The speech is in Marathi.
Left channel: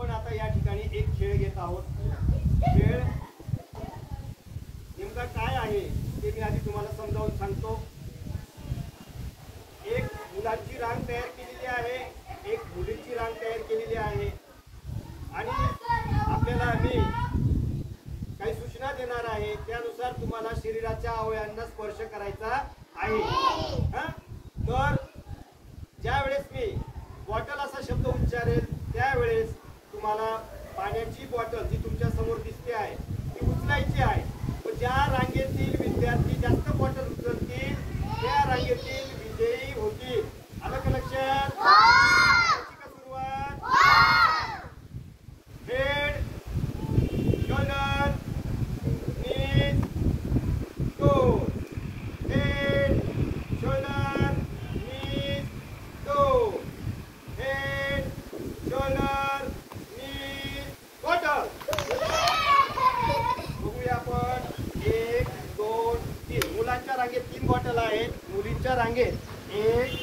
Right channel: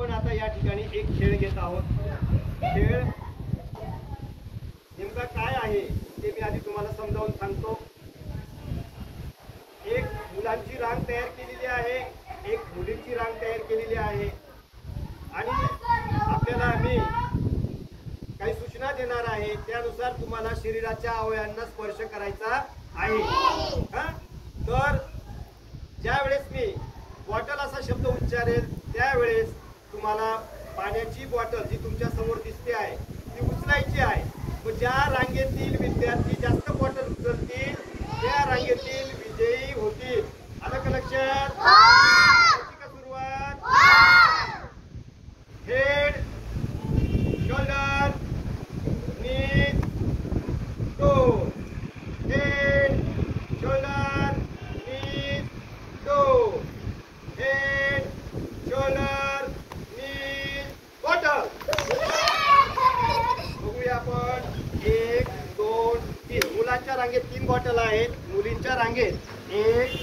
आपण आता या ठिकाणी एक खेळ घेत आहोत। खेळ नेमका काय आहे ते मी आधी तुम्हाला समजावून सांगतो। एक मुलांची रांग तयार केलेली आहे, एक मुलींची रांग तयार केलेली आहे आणि आपल्याला मी काही सूचना देणार आहे, त्यानुसार तुम्हाला शरीराच्या अवयवांना स्पर्श करायचा आहे। तर ज्या वेळेस मी बॉटल असा शब्द उच्चारेल त्यावेळेस तुम्हाला पाण्याची बॉटल जी तुमच्या समोर दिसते आहे ती उचलायची आहे। तर ज्या रांगेतील विद्यार्थी जास्त बॉटल उचलतील त्या रांगेतील विजयी होतील। आलं का लक्षात? का सुरुवात? हेड, शोल्डर, नीज, टोज, हेड, शोल्डर, नीज, टोज, हेड, शोल्डर, नीज, बॉटल। बघूया आपण 1 2 3। मुलांच्या रांगेत 3 बॉटल आहेत, मुलींच्या रांगेत 1